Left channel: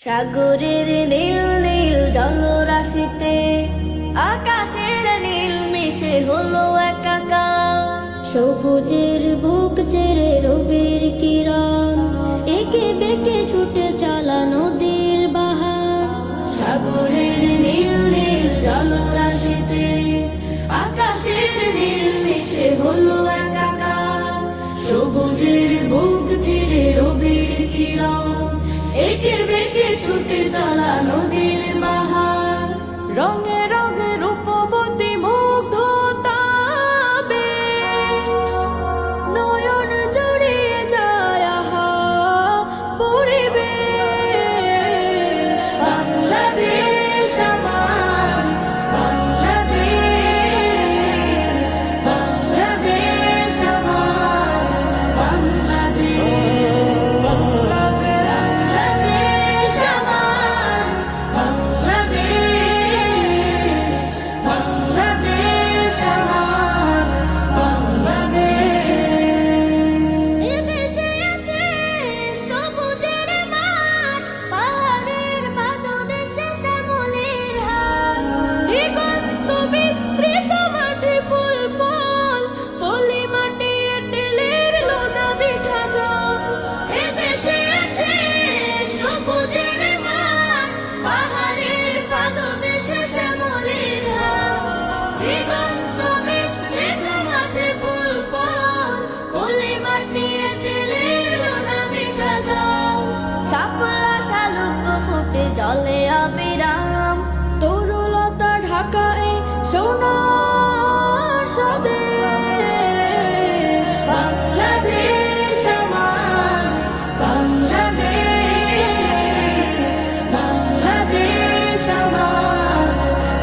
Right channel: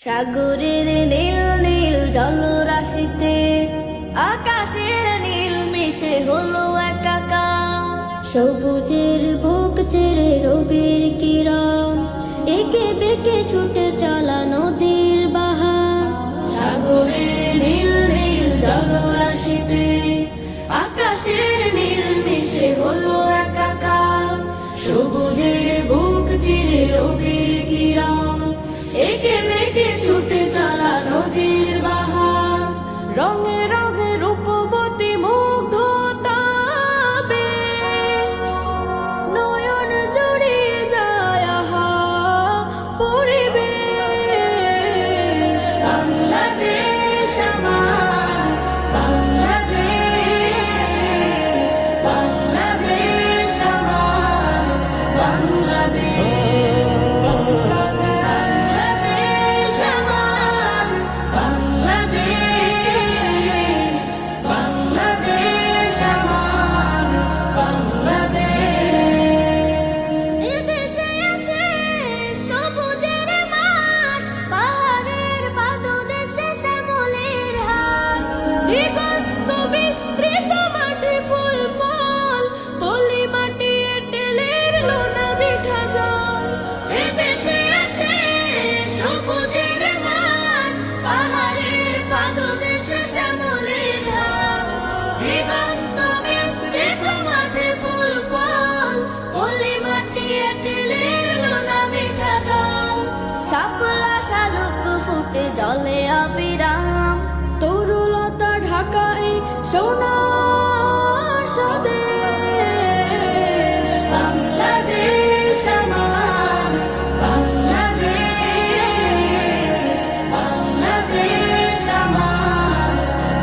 সাগরের নীল নীল জলরাশিতে আকাশের নীল মিশে হলো একাকার। সবুজের বুক চেরে রবির কিরণ একে বেঁকে ছুটে চলা নদীর বাহার। সাগরের নীল নীল জলরাশিতে আকাশের নীল মিশে হলো একাকার। সবুজের বুক চিরে রবির কিরণ একে বেঁকে ছুটে চলা নদীর বাহার। রঙে রঙে রূপবতী মুগ্ধতা বেশ নয়ন জড়িয়ে যায় আহা পরিবেশ। বাংলাদেশ আমার বাংলাদেশ, বাংলাদেশ আমার বাংলাদেশ। দিগন্ত বিস্তৃত মাঠে ফুল ফল, পলি মাটি এঁটেলের লোনা মিঠা জল। এদেশে আছে সবুজের মাঠ, পাহাড়ের পাদদেশে শ্যামলের হাট। দিগন্ত বিস্তৃত মাঠে ফুল ফল, পলি মাটি এঁটেলের লোনা মিঠা জল। শাপলা শালুক ফুটে জলে অবিরাম, তরুলতা ঢাকায় সোনার স্বদেশ। বাংলাদেশ আমার বাংলাদেশ, বাংলাদেশ আমার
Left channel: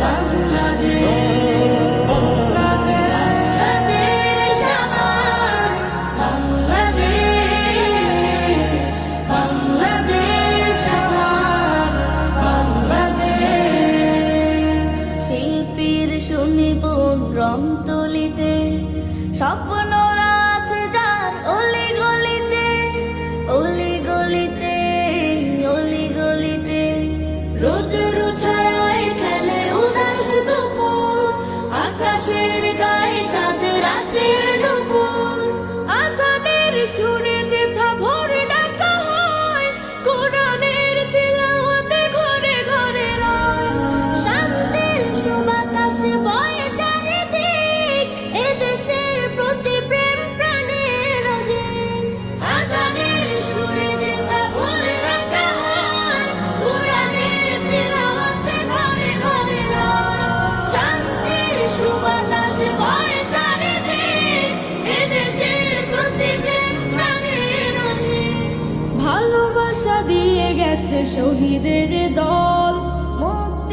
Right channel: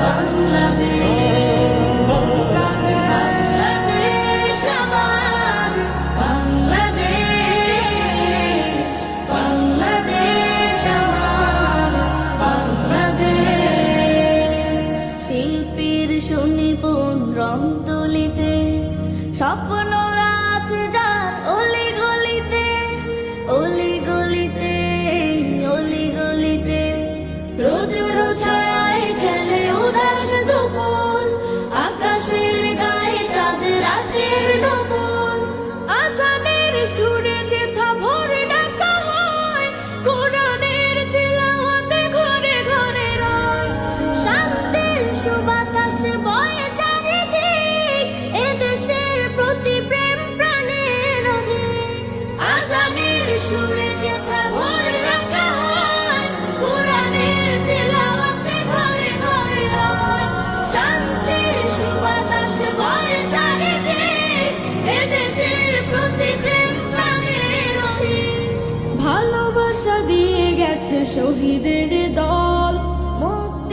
বাংলাদেশ। বাংলাদেশ আমার বাংলাদেশ, বাংলাদেশ আমার বাংলাদেশ। শিল্পীর সুনিপুণ রং তুলিতে স্বপ্ন আছে যার অলি গলিতে, অলি গলিতে, অলি গলিতে। রোদের ছায়ায় খেলে উদাস দুপুর, আকাশের গায়ে চাঁদের রাতের নুপুর। আজানের সুরে যেথা ভোর ডাকা হয়, কোরআনের তিলাওয়াতে ঘরে ঘরে রয়। শান্তির সুবাতাসে বয়ে চারিদিক, এদেশের প্রতি প্রেম প্রাণের অধিক। আজানের সুরে যেথা ভোর ডাকা হয়, কোরআনের তিলাওয়াতে ঘরে ঘরে রয়। শান্তির সুবাতাসে বয়ে চারিদিক, এদেশের প্রতি প্রেম প্রাণের অধিক। ভালোবাসা দিয়ে গেছে শহীদের দল, মুক্ত